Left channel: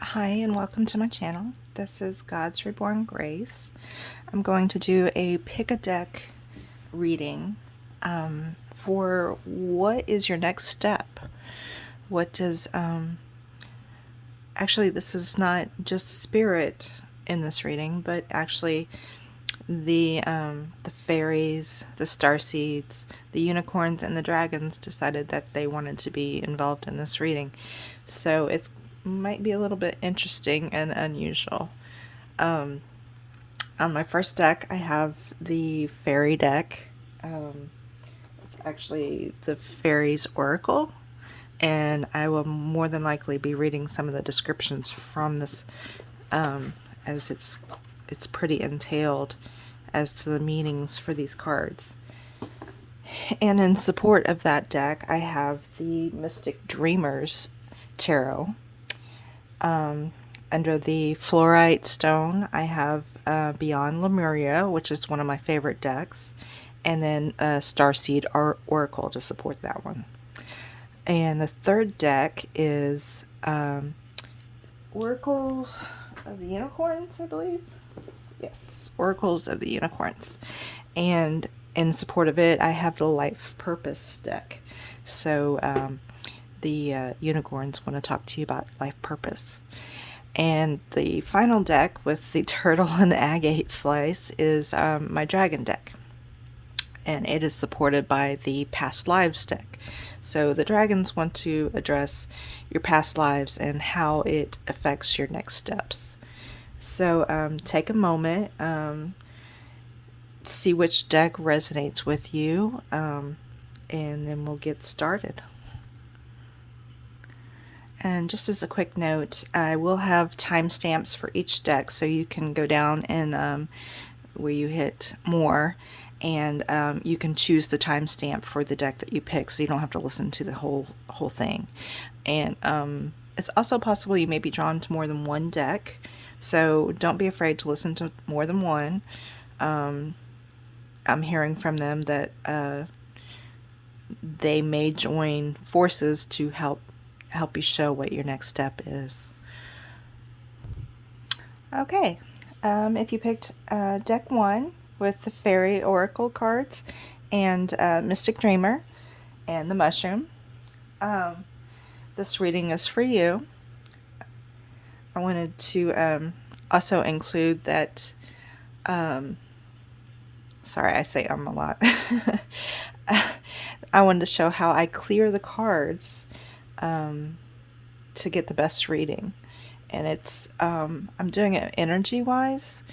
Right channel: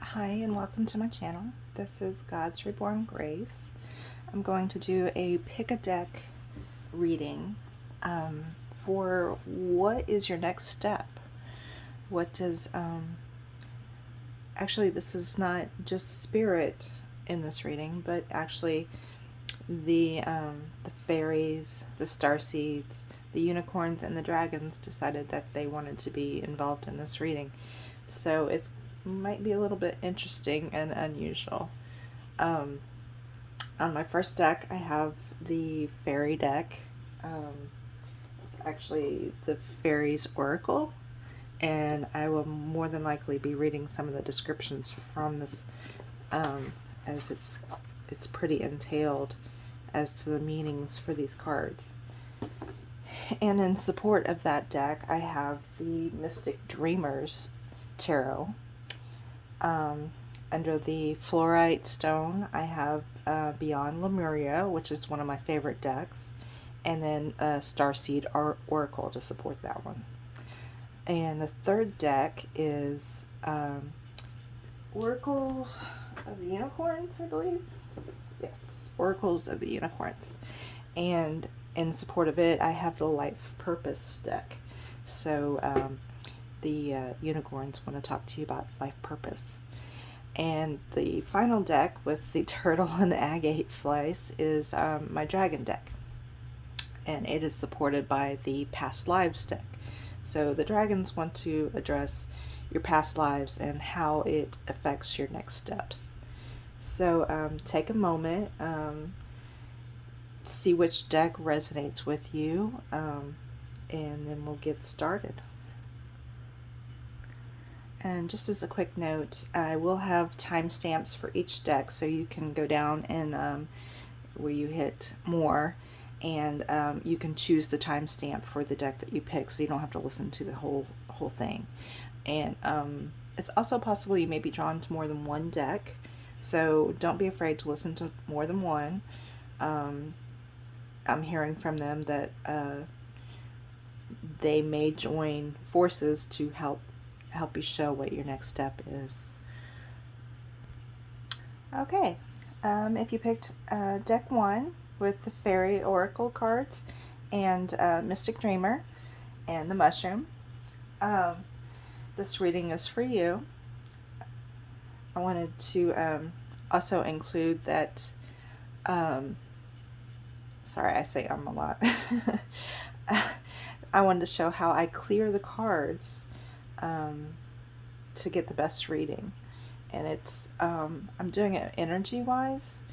Hi and welcome to my channel. This is God's Reborn Grace. I'm going to do a pick a deck reading for what is your next step. What does actually, this is not just spirit in this reading, but actually the fairies, the starseeds, the unicorns, and the dragons decided that they wanted to be involved in this reading. So it might be a little bit interesting and unusual. On my first deck, I have the fairy deck. It's actually the Fairies Oracle, and I will more than likely be reading some of the descriptions from this, as it's pretty entailed as to the meanings for these cards. And in support of that deck, I have the Mystic Dreamers Tarot. Under the Fluorite stone, I have Beyond Lemuria, which is one of my favorite decks, and then Starseed Oracle to support that one. And the third deck is Oracles of the Unicorns, I believe. Yes, Oracles of the Unicorns. And in support of it, I have the Life Purpose deck. So the unicorns want to talk to you about life purpose. And the final deck with the turtle and the agate slice is my dragon deck. And it is supported by the past lives deck. So the dragons want to address your past lives and how it affects your next steps. So take a moment, see which deck resonates with you, and then we'll get started. And just as a quick note, I will have timestamps for each deck, so you can go down and where you hit more, and you can choose the timestamp for the deck that you pick, so you don't have to listen to the whole thing. And it's also possible you may be drawn to more than one deck, so don't be afraid to listen to more than one. I'm hearing from them that they may join forces to help you show what your next step is. Okay, if you picked deck 1 with the Fairy Oracle cards and Mystic Dreamer and the Mushroom, this reading is for you. I wanted to also include that, sorry, I say a lot. I wanted to show how I clear the cards to get the best reading, and it's I'm doing it energy wise,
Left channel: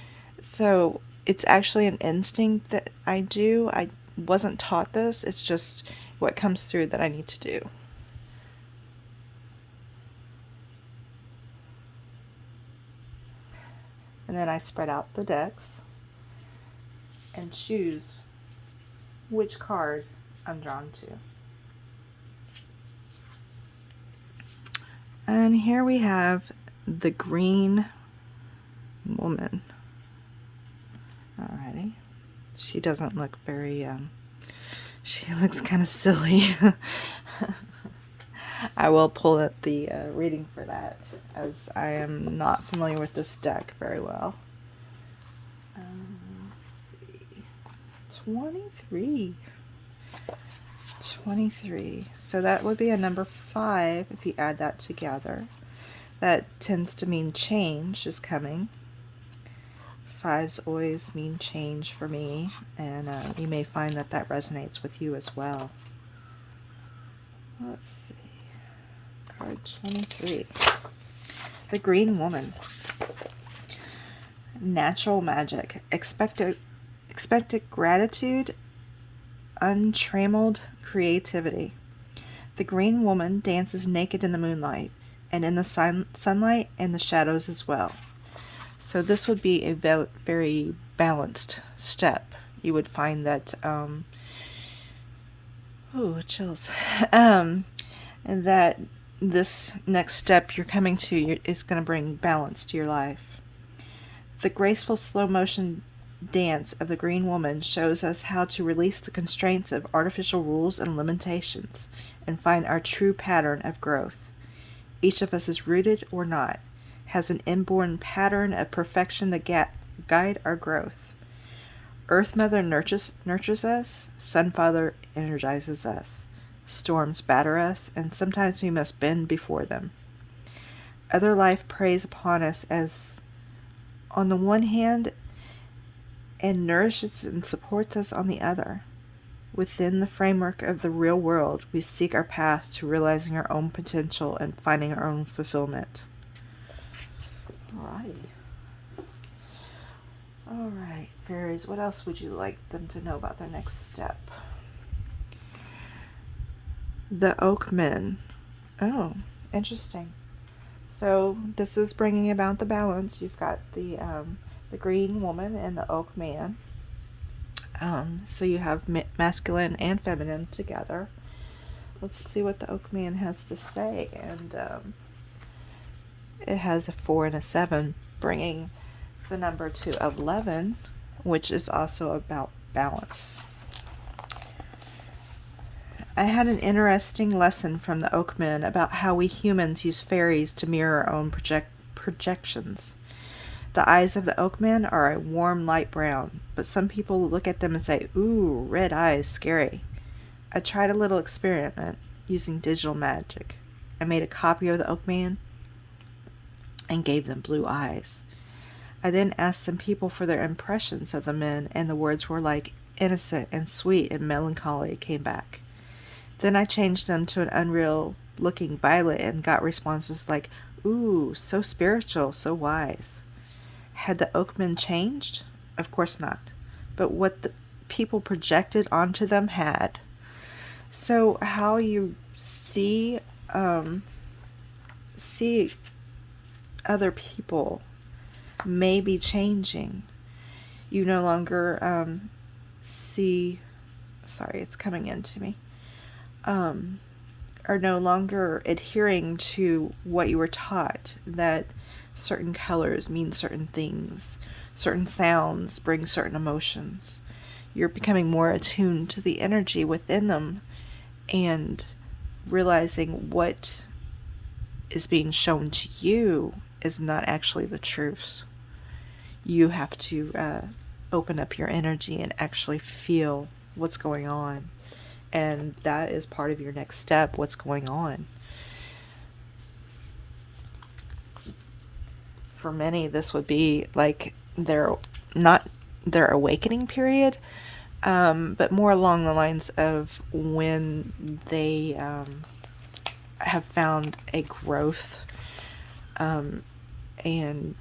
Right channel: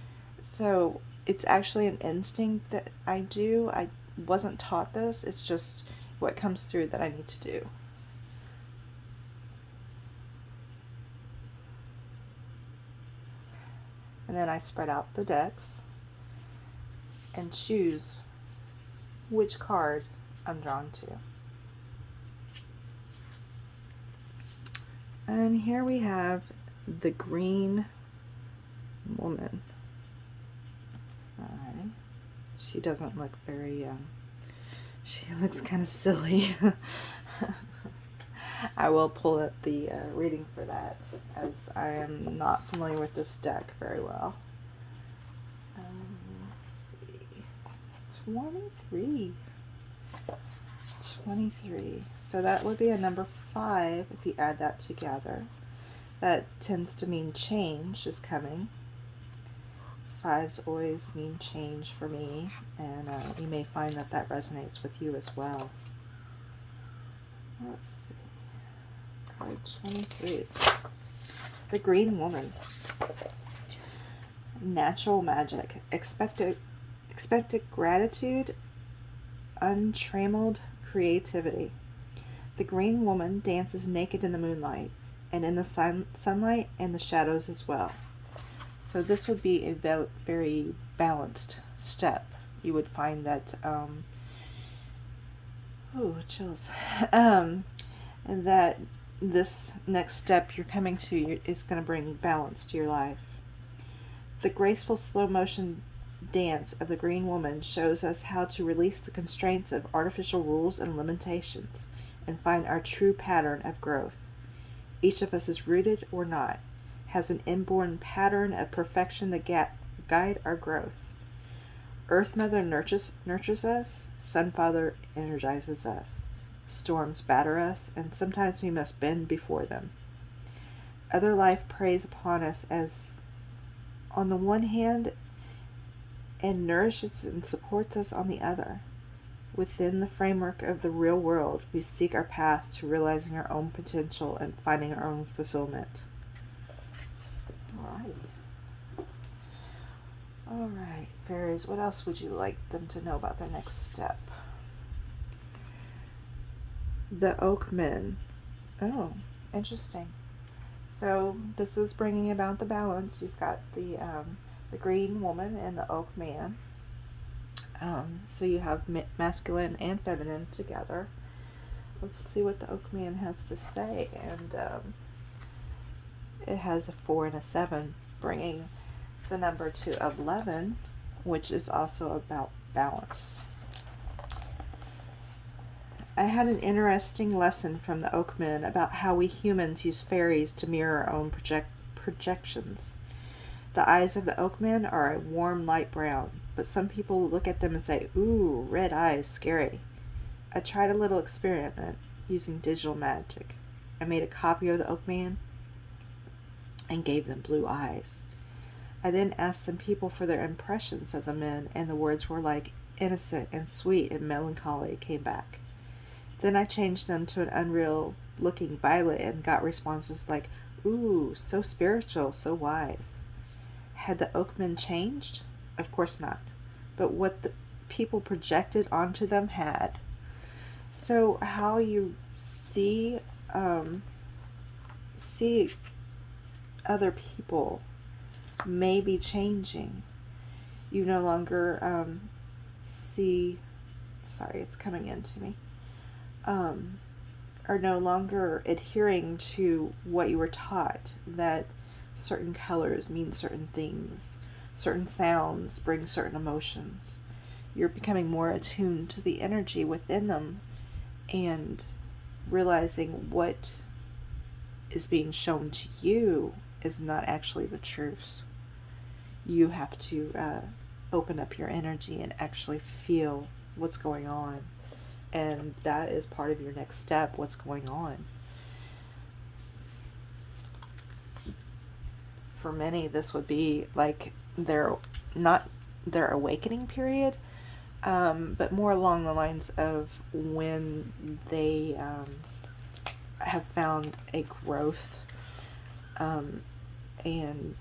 so it's actually an instinct that I do. I wasn't taught this, it's just what comes through that I need to do. And then I spread out the decks and choose which card I'm drawn to. And here we have the Green Woman. Alrighty. She doesn't look very, she looks kind of silly. I will pull up the reading for that, as I am not familiar with this deck very well. Let's see. 23. 23. So that would be a number 5 if you add that together. That tends to mean change is coming. 5s always mean change for me, and you may find that that resonates with you as well. Let's see. Card 23. The Green Woman. Natural magic. Expected gratitude. Untrammeled creativity. The Green Woman dances naked in the moonlight, and in the sunlight and the shadows as well. So this would be a very balanced step. You would find that, oh, chills, and that this next step you're coming to is going to bring balance to your life. The graceful slow motion dance of the Green Woman shows us how to release the constraints of artificial rules and limitations and find our true pattern of growth. Each of us is rooted or not, has an inborn pattern of perfection to guide our growth. Earth Mother nurtures us, Sun Father energizes us. Storms batter us, and sometimes we must bend before them. Other life preys upon us as, on the one hand, and nourishes and supports us on the other. Within the framework of the real world, we seek our path to realizing our own potential and finding our own fulfillment. All right, fairies, what else would you like them to know about their next step? The Oak Men. Oh, interesting. So this is bringing about the balance. You've got the green woman and the oak man. So you have masculine and feminine together. Let's see what the oak man has to say. And it has a 4 and a 7, bringing the number to 11, which is also about balance. I had an interesting lesson from the Oakmen about how we humans use fairies to mirror our own projections. The eyes of the Oakmen are a warm light brown, but some people look at them and say, "Ooh, red eyes, scary." I tried a little experiment using digital magic. I made a copy of the Oakman and gave them blue eyes. I then asked some people for their impressions of the men, and the words were like innocent and sweet and melancholy came back. Then I changed them to an unreal-looking violet and got responses like, "Ooh, so spiritual, so wise." Had the Oakmen changed? Of course not. But what the people projected onto them had. So how you see other people may be changing. You no longer see... Sorry, it's coming into me. Are no longer adhering to what you were taught, that certain colors mean certain things, certain sounds bring certain emotions. You're becoming more attuned to the energy within them and realizing what is being shown to you is not actually the truth. You have to open up your energy and actually feel what's going on. And that is part of your next step, what's going on. For many, this would be like not their awakening period, but more along the lines of when they have found a growth, and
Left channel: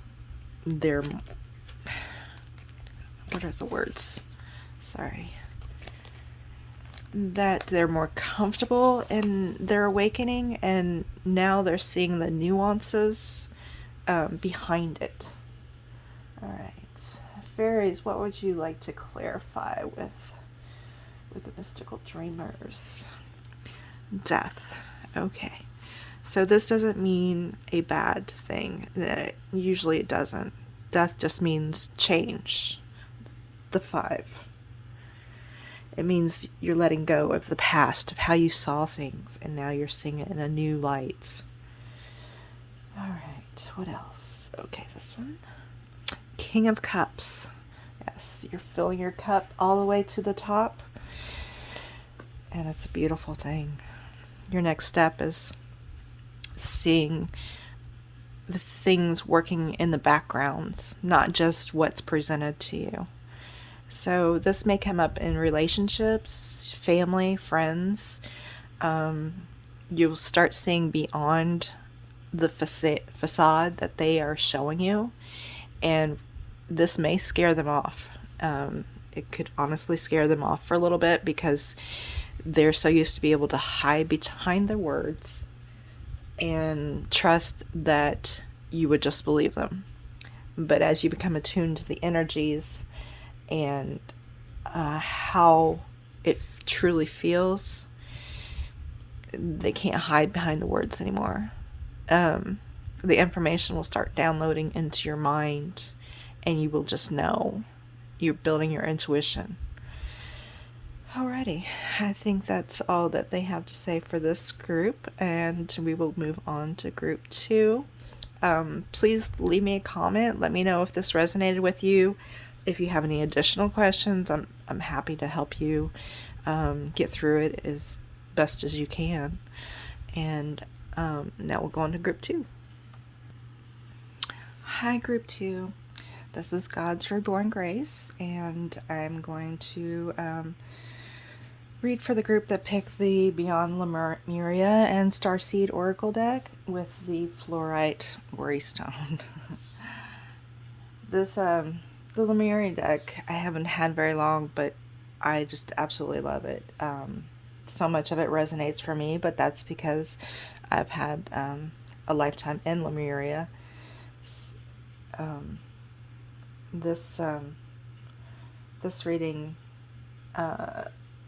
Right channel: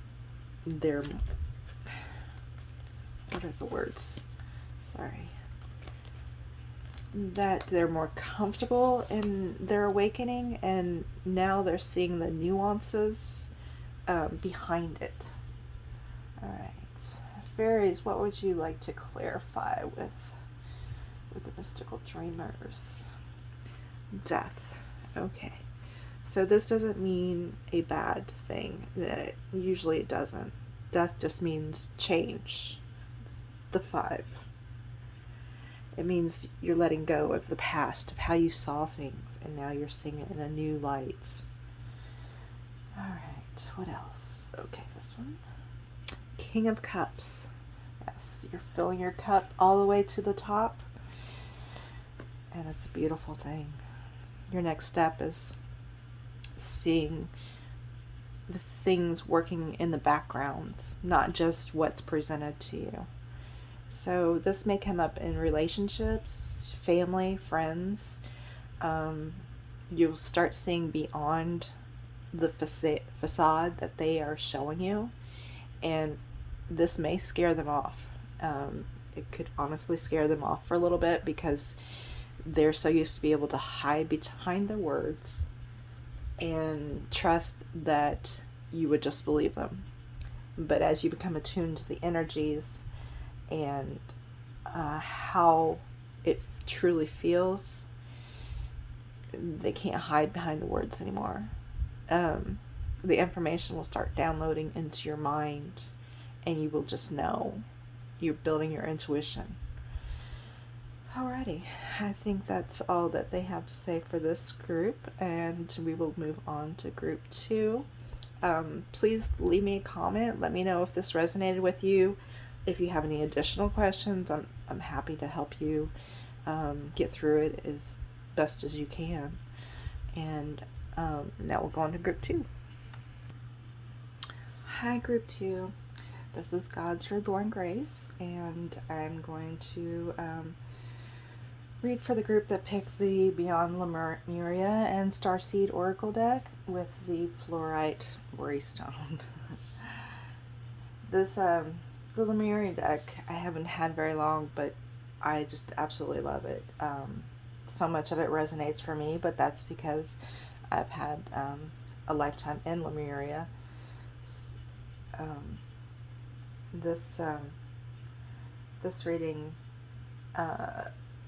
they're... What are the words? Sorry. That they're more comfortable in their awakening, and now they're seeing the nuances behind it. Alright. Fairies, what would you like to clarify with the mystical dreamers? Death. Okay. So this doesn't mean a bad thing. Usually it doesn't. Death just means change. The 5. It means you're letting go of the past, of how you saw things, and now you're seeing it in a new light. Alright, what else? Okay, this one. King of Cups. Yes, you're filling your cup all the way to the top, and it's a beautiful thing. Your next step is seeing the things working in the backgrounds, not just what's presented to you. So this may come up in relationships, family, friends. You'll start seeing beyond the facade that they are showing you, and this may scare them off. It could honestly scare them off for a little bit because they're so used to be able to hide behind their words and trust that you would just believe them. But as you become attuned to the energies and how it truly feels, they can't hide behind the words anymore. The information will start downloading into your mind, and you will just know. You're building your intuition. Alrighty, I think that's all that they have to say for this group, and we will move on to group 2, Please leave me a comment. Let me know if this resonated with you. If you have any additional questions, I'm happy to help you get through it as best as you can. And now we'll go on to group 2. Hi, group 2. This is God's Reborn Grace, and I'm going to read for the group that picked the Beyond Lemuria and Starseed Oracle deck with the Fluorite Worry Stone. This the Lemuria deck I haven't had very long, but I just absolutely love it. So much of it resonates for me, but that's because I've had a lifetime in Lemuria. This reading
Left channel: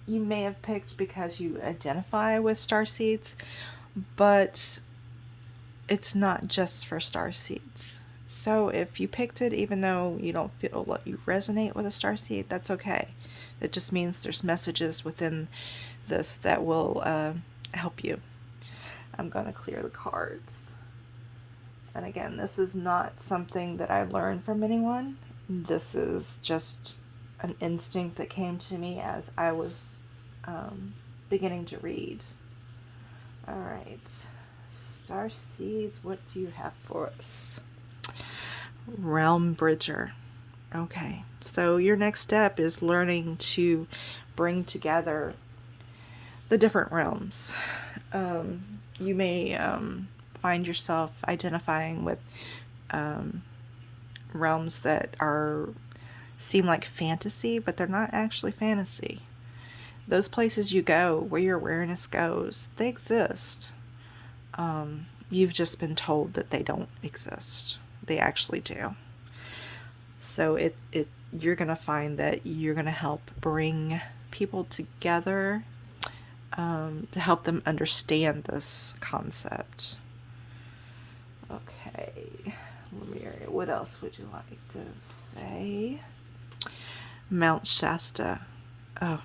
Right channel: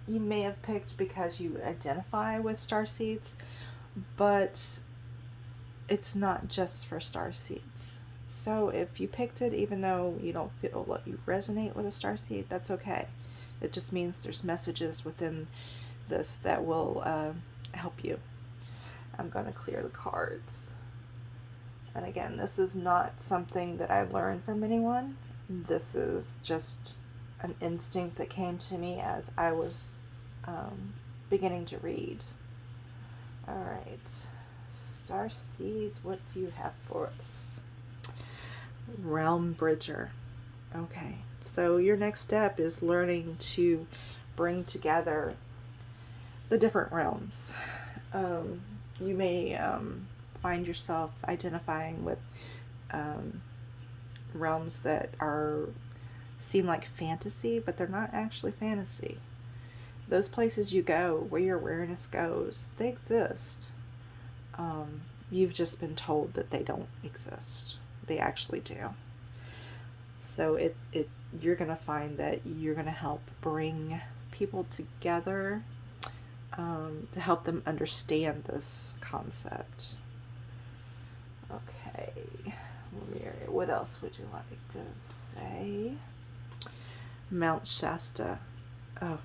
you may have picked because you identify with Starseeds, but it's not just for Starseeds. So if you picked it even though you don't feel like you resonate with a Starseed, that's okay. It just means there's messages within this that will help you. I'm going to clear the cards. And again, this is not something that I learned from anyone. This is just an instinct that came to me as I was beginning to read. Alright, Starseeds, what do you have for us? Realm Bridger. Okay, so your next step is learning to bring together the different realms. You may find yourself identifying with realms that seem like fantasy, but they're not actually fantasy. Those places you go, where your awareness goes, they exist. You've just been told that they don't exist. They actually do. So you're going to find that you're going to help bring people together to help them understand this concept. Okay, Lemuria, what else would you like to say? Mount Shasta. Oh,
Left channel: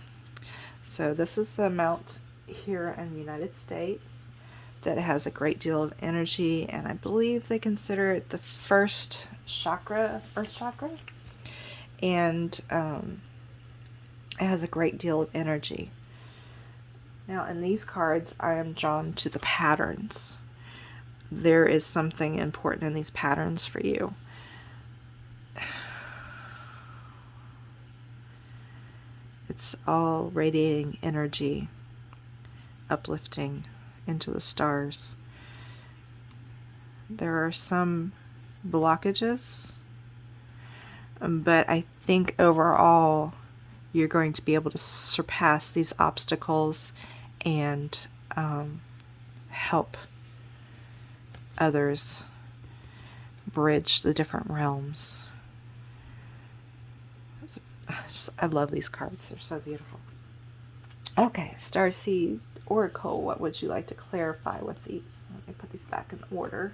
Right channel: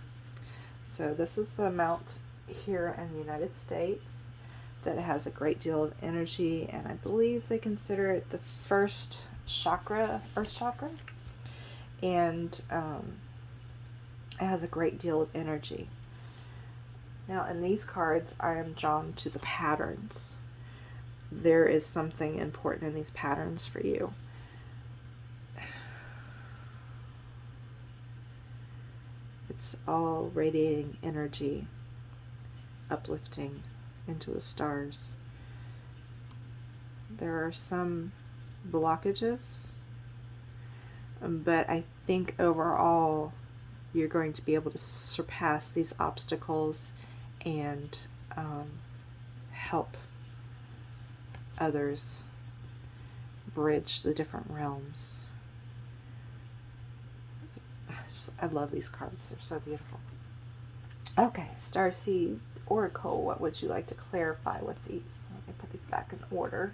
so this is a mount here in the United States that has a great deal of energy, and I believe they consider it the first chakra, earth chakra, and it has a great deal of energy. Now in these cards I am drawn to the patterns. There is something important in these patterns for you. It's all radiating energy, uplifting into the stars. There are some blockages, but I think overall you're going to be able to surpass these obstacles and help others bridge the different realms. I love these cards. They're so beautiful. Okay, Starseed Oracle, what would you like to clarify with these? Let me put these back in order.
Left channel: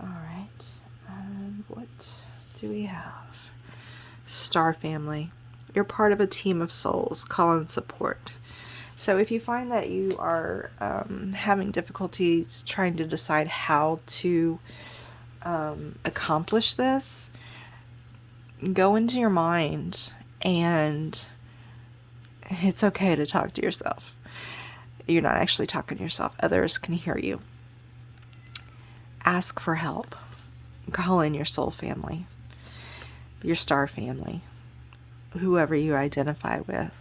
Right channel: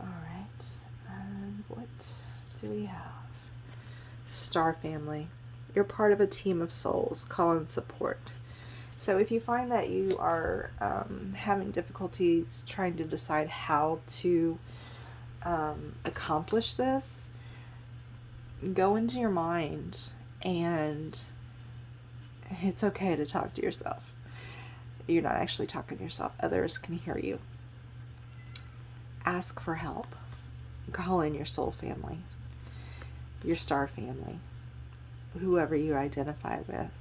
Alright, and what do we have? Star Family. You're part of a team of souls. Call and support. So if you find that you are having difficulty trying to decide how to accomplish this, go into your mind, and it's okay to talk to yourself. You're not actually talking to yourself. Others can hear you. Ask for help. Call in your soul family, your star family, whoever you identify with,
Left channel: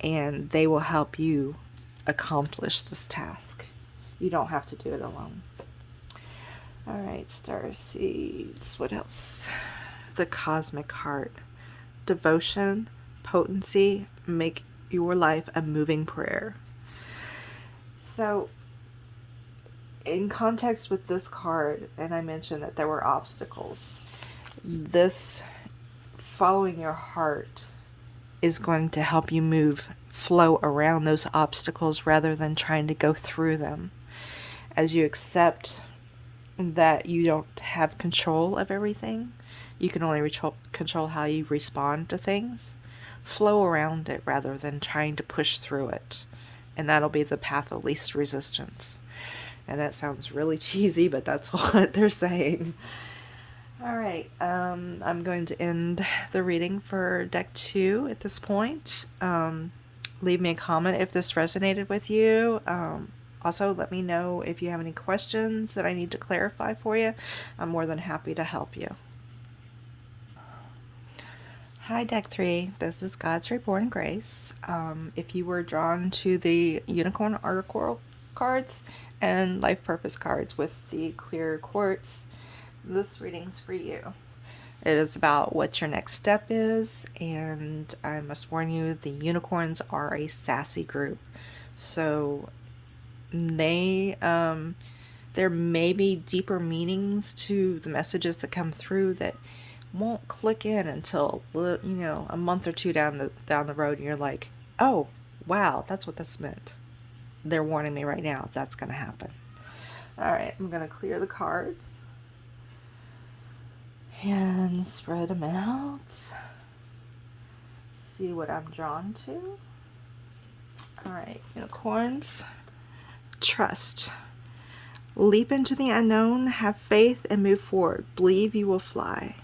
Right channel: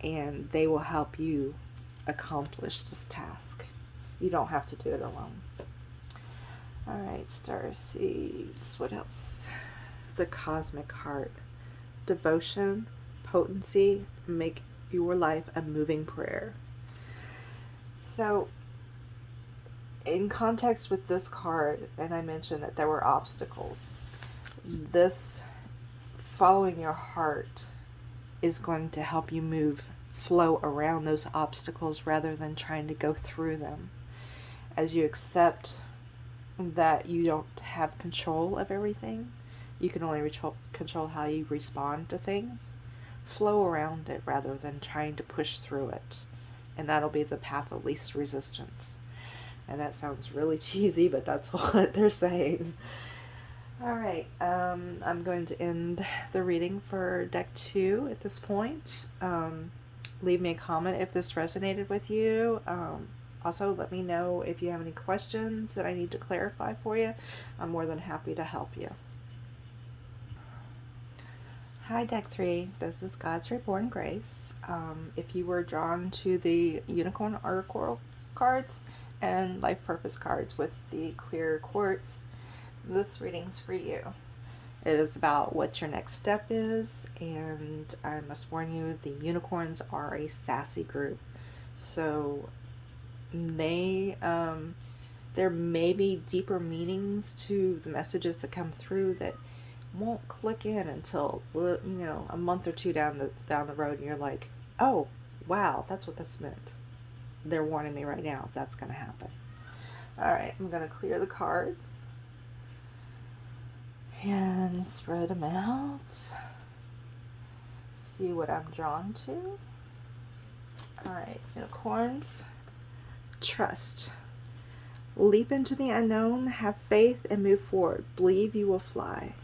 and they will help you accomplish this task. You don't have to do it alone. Alright, Starseeds. What else? The Cosmic Heart. Devotion, potency, make your life a moving prayer. So, in context with this card, and I mentioned that there were obstacles, this following your heart is going to help you flow around those obstacles rather than trying to go through them. As you accept that you don't have control of everything, you can only control how you respond to things. Flow around it rather than trying to push through it. And that'll be the path of least resistance. And that sounds really cheesy, but that's what they're saying. All right, I'm going to end the reading for deck 2 at this point. Leave me a comment if this resonated with you. Also, let me know if you have any questions that I need to clarify for you. I'm more than happy to help you. Hi, deck 3. This is God's Reborn Grace. If you were drawn to the Unicorn Oracle cards and Life Purpose cards with the clear quartz, this reading's for you. It is about what your next step is, and I must warn you, the unicorns are a sassy group. So there may be deeper meanings to the messages that come through that won't click in until, you know, a month or two down the road, and you're like, oh wow, that's what this meant. They're warning me right now that's going to happen. All right, I'm going to clear the cards and spread them out. See what I'm drawn to. All right, unicorns. Trust. Leap into the unknown, have faith, and move forward. Believe you will fly.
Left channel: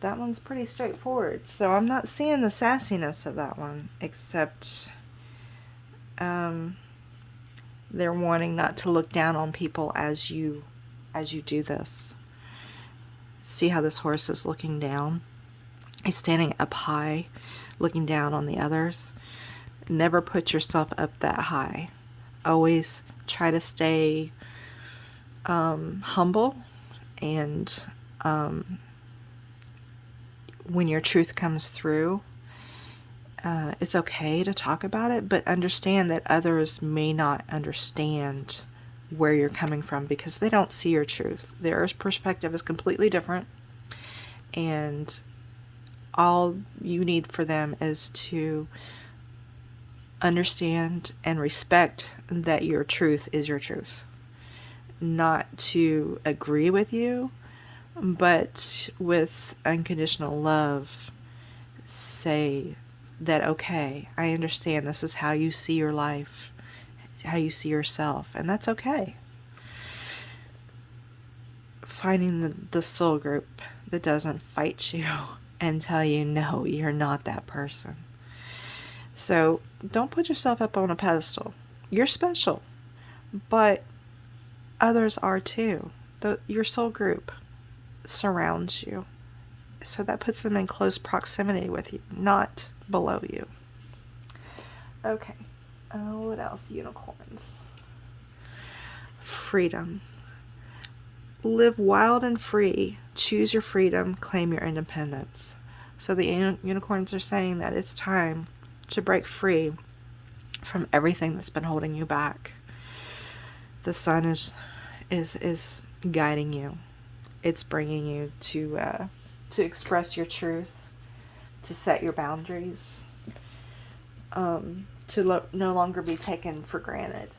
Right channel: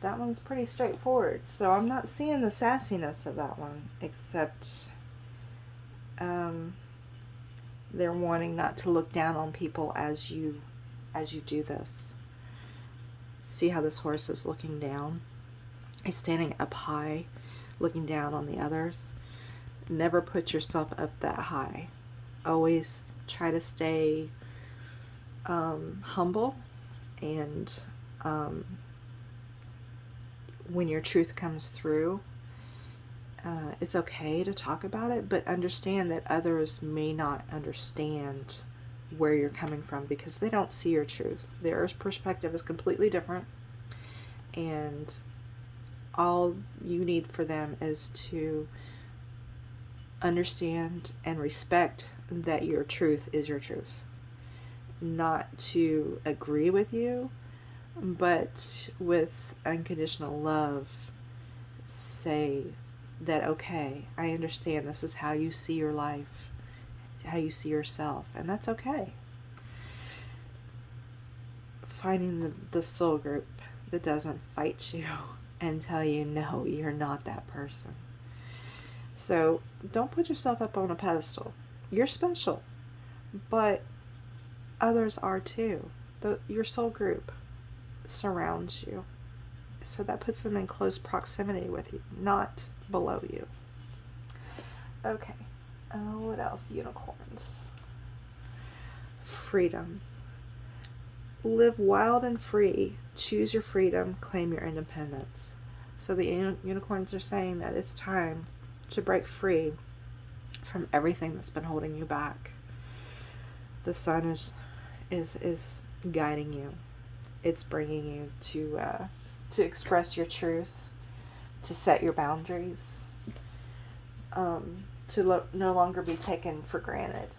That one's pretty straightforward, so I'm not seeing the sassiness of that one, except they're wanting not to look down on people as you do this. See how this horse is looking down? He's standing up high, looking down on the others. Never put yourself up that high. Always try to stay humble, and when your truth comes through, it's okay to talk about it, but understand that others may not understand where you're coming from because they don't see your truth. Their perspective is completely different, and all you need for them is to understand and respect that your truth is your truth. Not to agree with you, but with unconditional love, say that, okay, I understand this is how you see your life, how you see yourself, and that's okay. Finding the soul group that doesn't fight you and tell you, no, you're not that person. So don't put yourself up on a pedestal. You're special, but others are too. Your soul group surrounds you, so that puts them in close proximity with you, not below you. Okay, what else? Unicorns. Freedom. Live wild and free. Choose your freedom. Claim your independence. So the unicorns are saying that it's time to break free from everything that's been holding you back. The sun is guiding you. It's bringing you to express your truth, to set your boundaries, to no longer be taken for granted.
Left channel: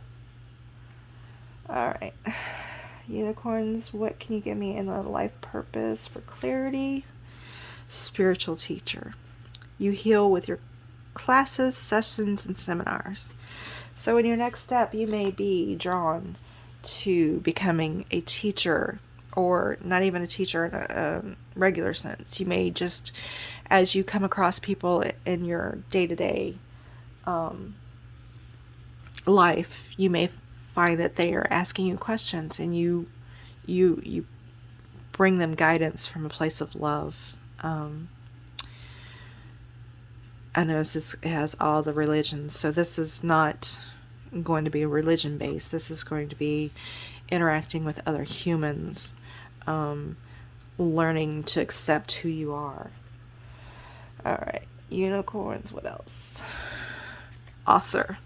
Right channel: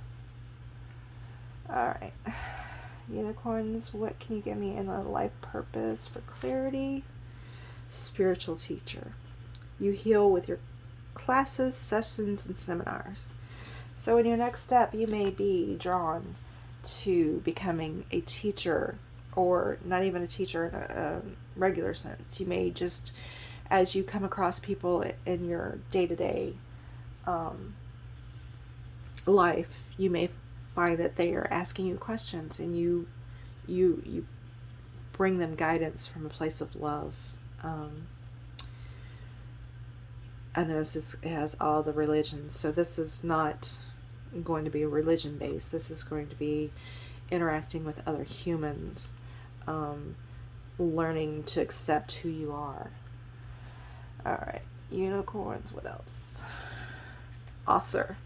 All right, unicorns, what can you give me in the life purpose for clarity? Spiritual teacher. You heal with your classes, sessions, and seminars. So in your next step, you may be drawn to becoming a teacher, or not even a teacher in a regular sense. You may just, as you come across people in your day-to-day life, you may find that they are asking you questions, and you bring them guidance from a place of love. I know it has all the religions, so this is not going to be religion based. This is going to be interacting with other humans, learning to accept who you are. Alright, unicorns, what else? Author.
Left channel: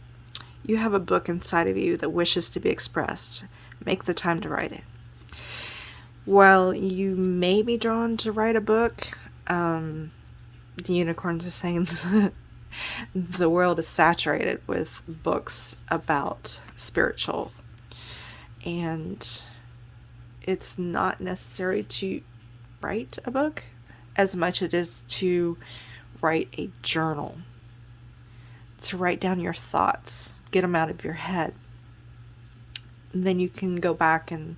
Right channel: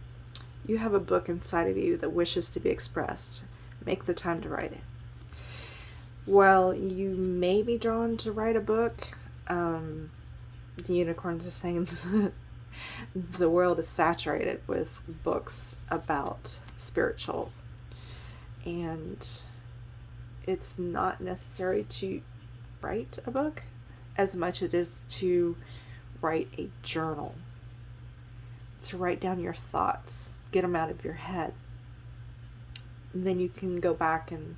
You have a book inside of you that wishes to be expressed. Make the time to write it. While you may be drawn to write a book, the unicorns are saying the world is saturated with books about spiritual, and it's not necessary to write a book as much as it is to write a journal, to write down your thoughts, get them out of your head. then you can go back in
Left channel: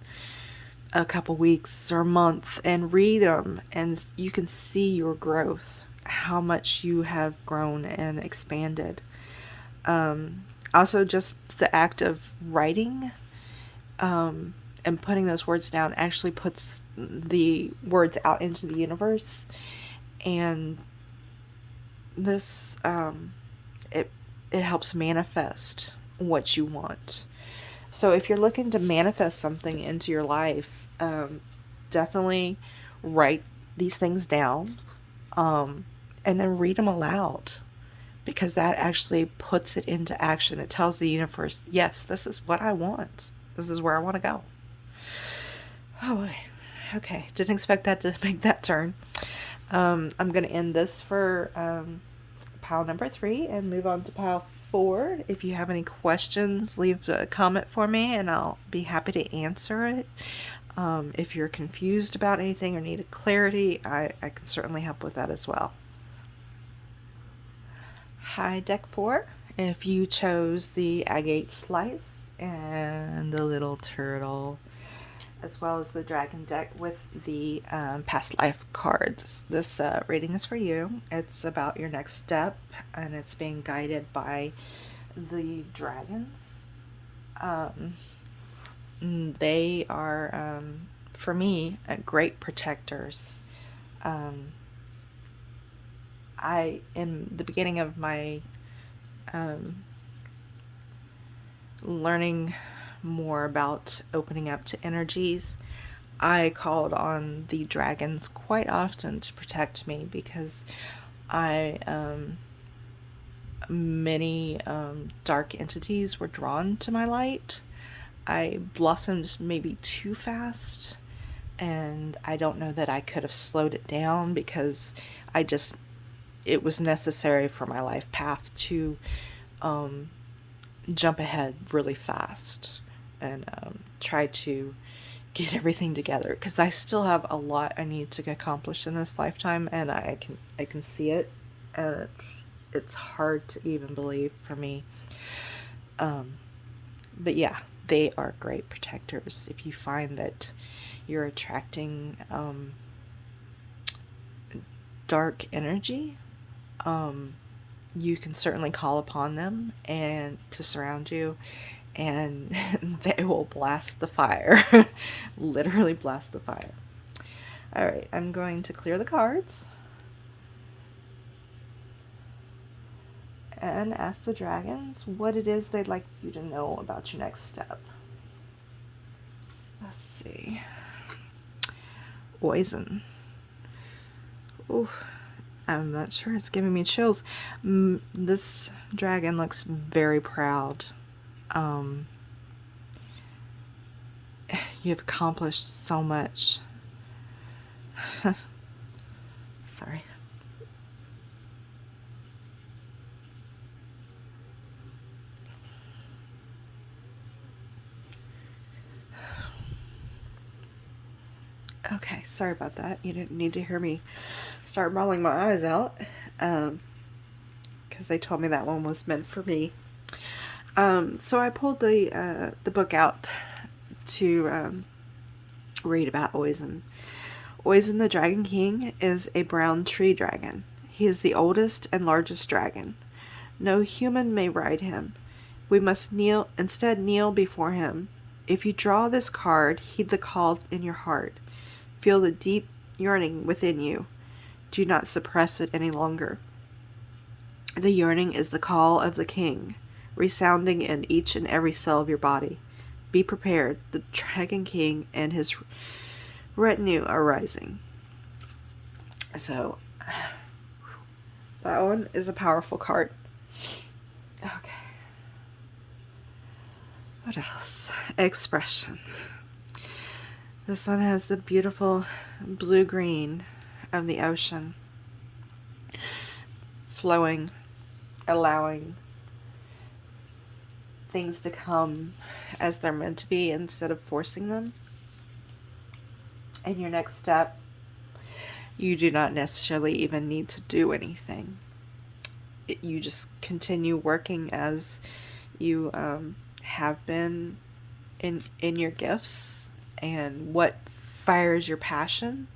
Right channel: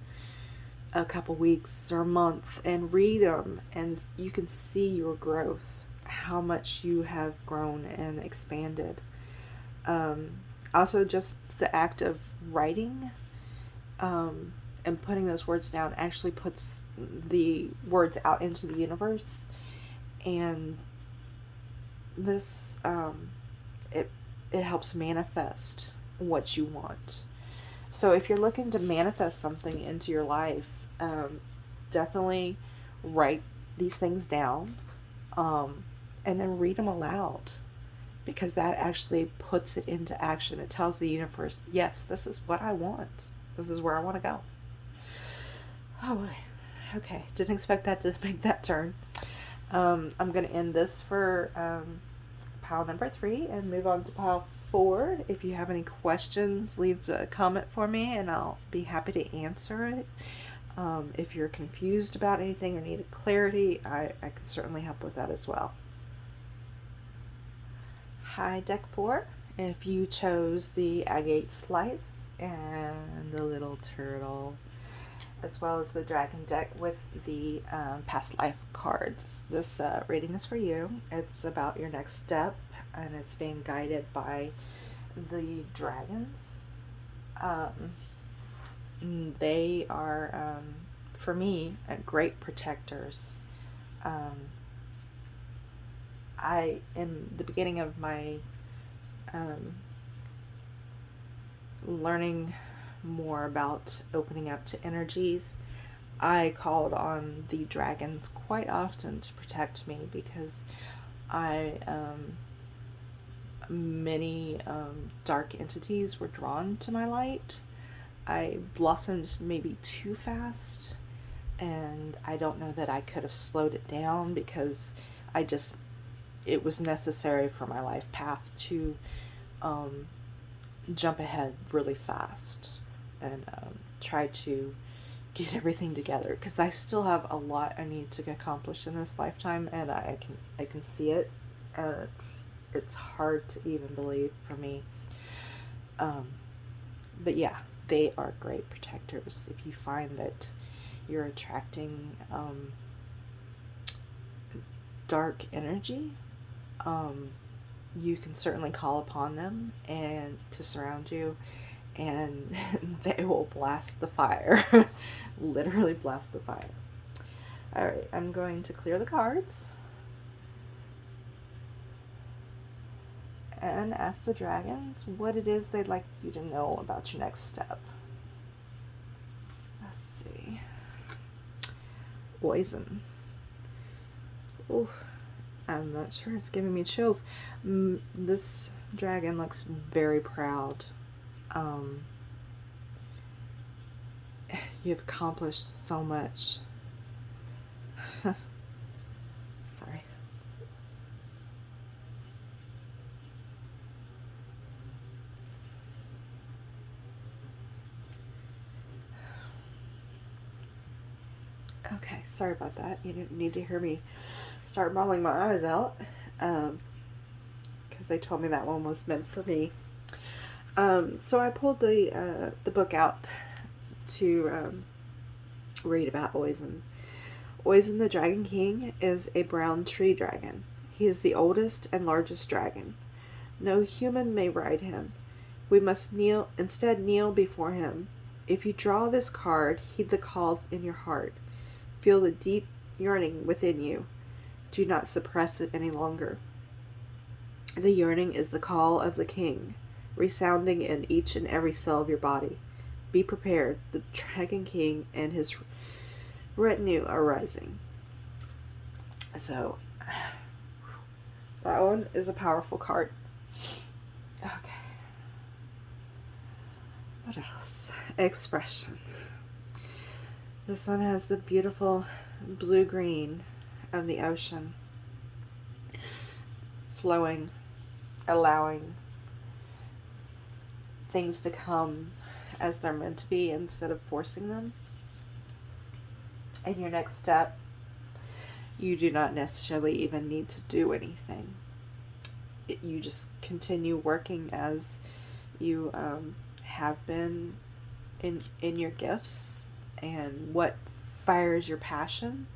a couple weeks or a month and read them, and you can see your growth, how much you have grown and expanded. Also, just the act of writing and putting those words down actually puts the words out into the universe, and this it helps manifest what you want. So if you're looking to manifest something into your life, definitely write these things down, and then read them aloud, because that actually puts it into action. It tells the universe, yes, this is what I want. This is where I want to go. Oh, okay. Didn't expect that to make that turn. I'm going to end this for pile number 3 and move on to pile 4. If you have any questions, leave a comment for me and I'll be happy to answer it. If you're confused about anything or need clarity, I can certainly help with that as well. Hi, deck 4. If you chose the Agate Slice and the little turtle, as well as the dragon deck with the past life cards, this reading is for you. It's about your next step, and it's being guided by the dragons. They are, for me, great protectors. In the beginning of my learning more about opening up to energies, I called on the dragons quite often to protect me, because many dark entities were drawn to my light. I blossomed maybe too fast, and I don't know that I could have slowed it down, because it was necessary for my life path to jump ahead really fast and try to get everything together, because I still have a lot I need to accomplish in this lifetime, and I can see it, and it's hard to even believe for me. But yeah, they are great protectors. If you find that you're attracting dark energy, you can certainly call upon them and to surround you, and they will blast the fire. Literally blast the fire. Alright, I'm going to clear the cards and ask the dragons what it is they'd like you to know about your next step. Let's see. Poison. Ooh, I'm not sure. It's giving me chills. This dragon looks very proud. You've accomplished so much. Sorry. Okay, sorry about that. You didn't need to hear me start bawling my eyes out, because they told me that one was meant for me. So I pulled the book out to read about Oizen. Oizen the Dragon King is a brown tree dragon. He is the oldest and largest dragon. No human may ride him. We must instead kneel before him. If you draw this card, heed the call in your heart. Feel the deep yearning within you. Do not suppress it any longer. The yearning is the call of the king, resounding in each and every cell of your body. Be prepared. The Dragon King and his retinue are rising. So, that one is a powerful card. Okay. What else? Expression. This one has the beautiful blue-green of the ocean, flowing, allowing things to come as they're meant to be instead of forcing them. In your next step, you do not necessarily even need to do anything. You just continue working as you have been in your gifts and what fires your passion,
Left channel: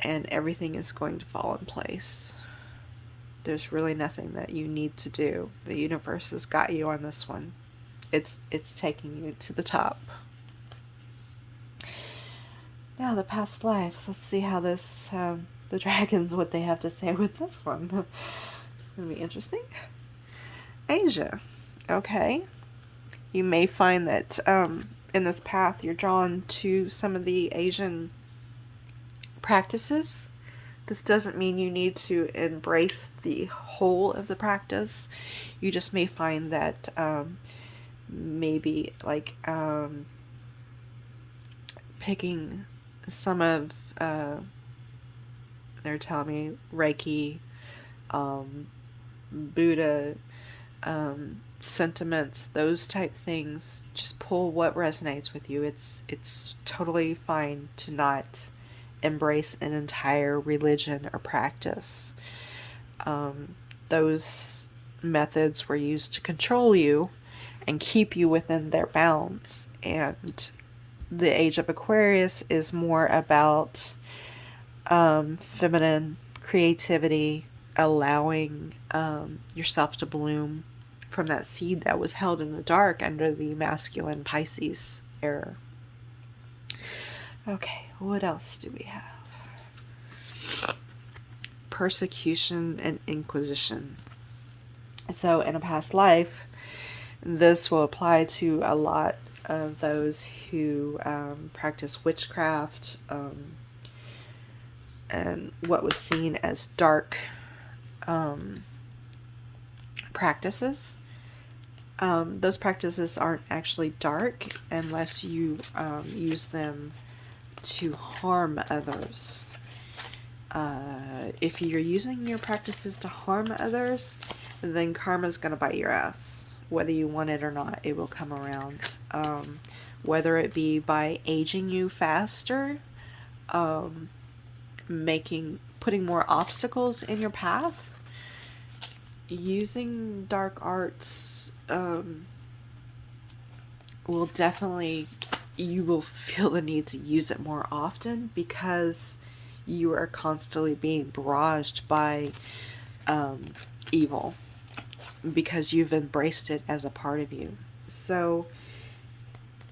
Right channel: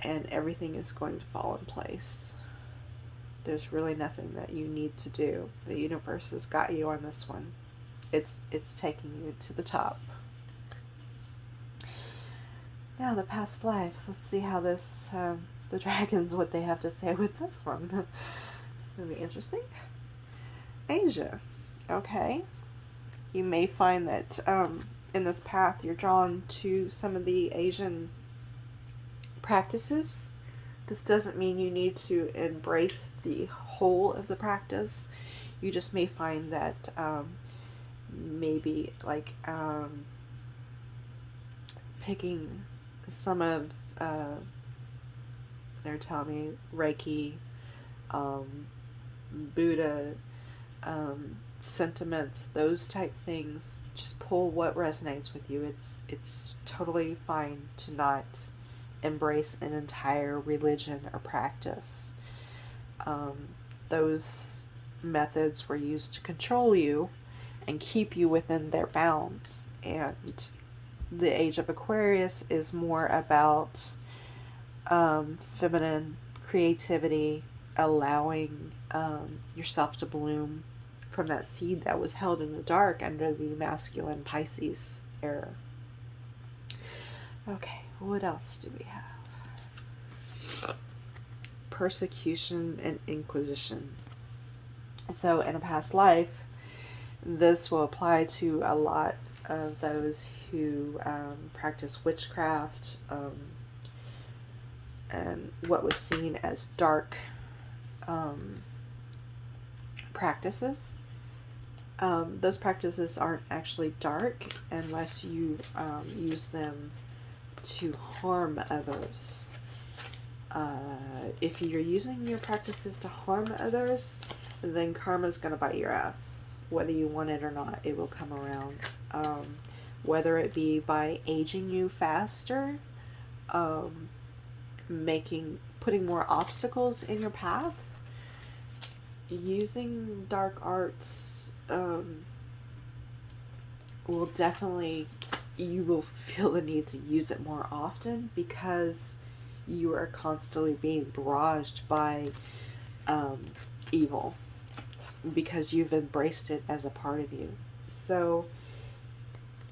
and everything is going to fall in place. There's really nothing that you need to do. The universe has got you on this one. It's taking you to the top. Now the past lives. Let's see how this the dragons, what they have to say with this one. It's gonna be interesting. Asia. Okay. You may find that in this path you're drawn to some of the Asian practices. This doesn't mean you need to embrace the whole of the practice. You just may find that maybe like picking some of they're telling me Reiki, Buddha, sentiments, those type things. Just pull what resonates with you. It's totally fine to not embrace an entire religion or practice. Those methods were used to control you and keep you within their bounds. And the Age of Aquarius is more about feminine creativity, allowing yourself to bloom from that seed that was held in the dark under the masculine Pisces era. Okay, what else do we have? Persecution and inquisition. So in a past life, this will apply to a lot of those who practice witchcraft and what was seen as dark practices. Those practices aren't actually dark unless you use them to harm others. If you're using your practices to harm others, then karma's going to bite your ass. Whether you want it or not, it will come around. Whether it be by aging you faster, putting more obstacles in your path, using dark arts will definitely, you will feel the need to use it more often because you are constantly being barraged by evil because you've embraced it as a part of you. So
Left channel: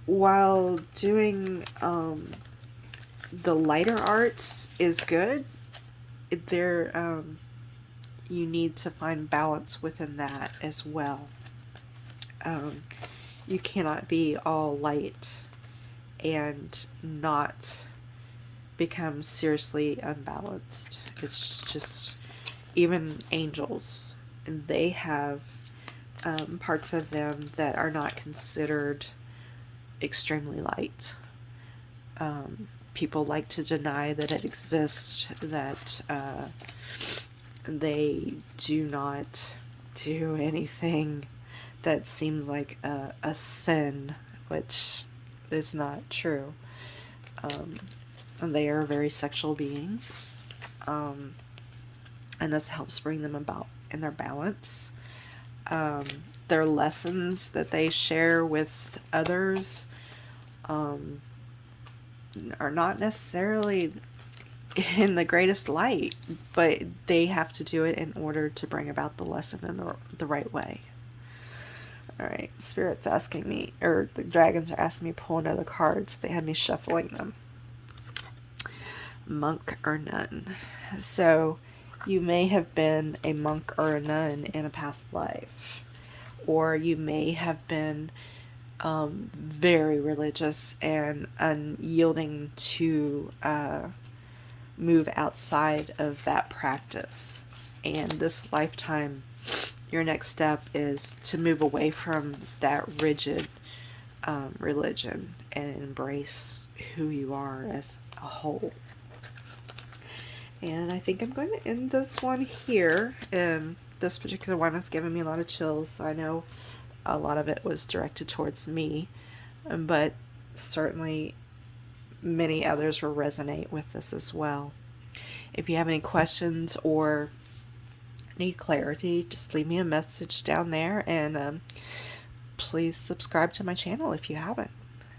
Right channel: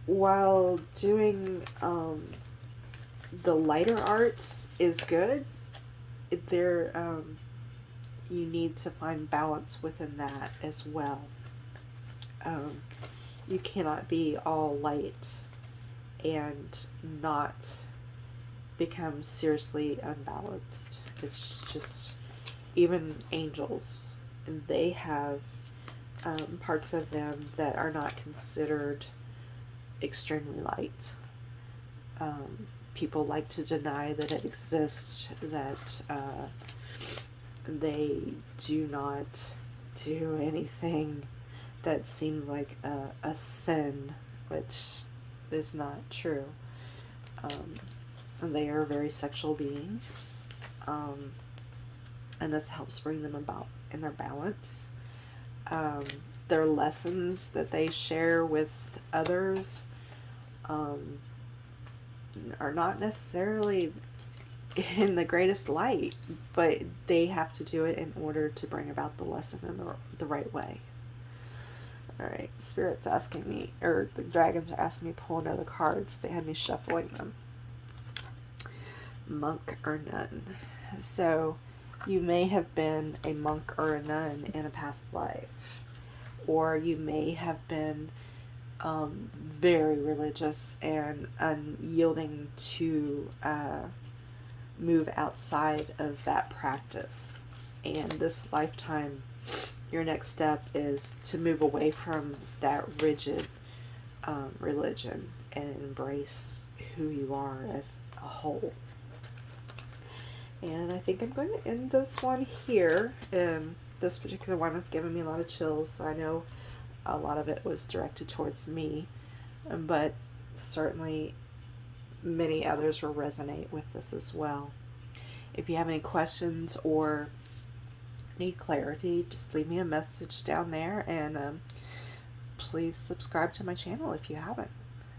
while doing the lighter arts is good, there you need to find balance within that as well. You cannot be all light and not become seriously unbalanced. It's just, even angels, they have parts of them that are not considered extremely light. People like to deny that it exists, that they do not do anything that seems like a sin, which is not true. They are very sexual beings, and this helps bring them about in their balance. Their lessons that they share with others are not necessarily in the greatest light, but they have to do it in order to bring about the lesson in the right way. Alright, Spirit's asking me, or the dragons are asking me to pull another card, so they had me shuffling them. Monk or nun. So you may have been a monk or a nun in a past life, or you may have been very religious and unyielding to move outside of that practice. And this lifetime, your next step is to move away from that rigid religion and embrace who you are as a whole. And I think I'm going to end this one here. This particular one has given me a lot of chills, so I know a lot of it was directed towards me, but certainly many others will resonate with this as well. If you have any questions or need clarity, just leave me a message down there, and please subscribe to my channel if you haven't.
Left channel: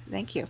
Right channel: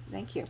Thank you.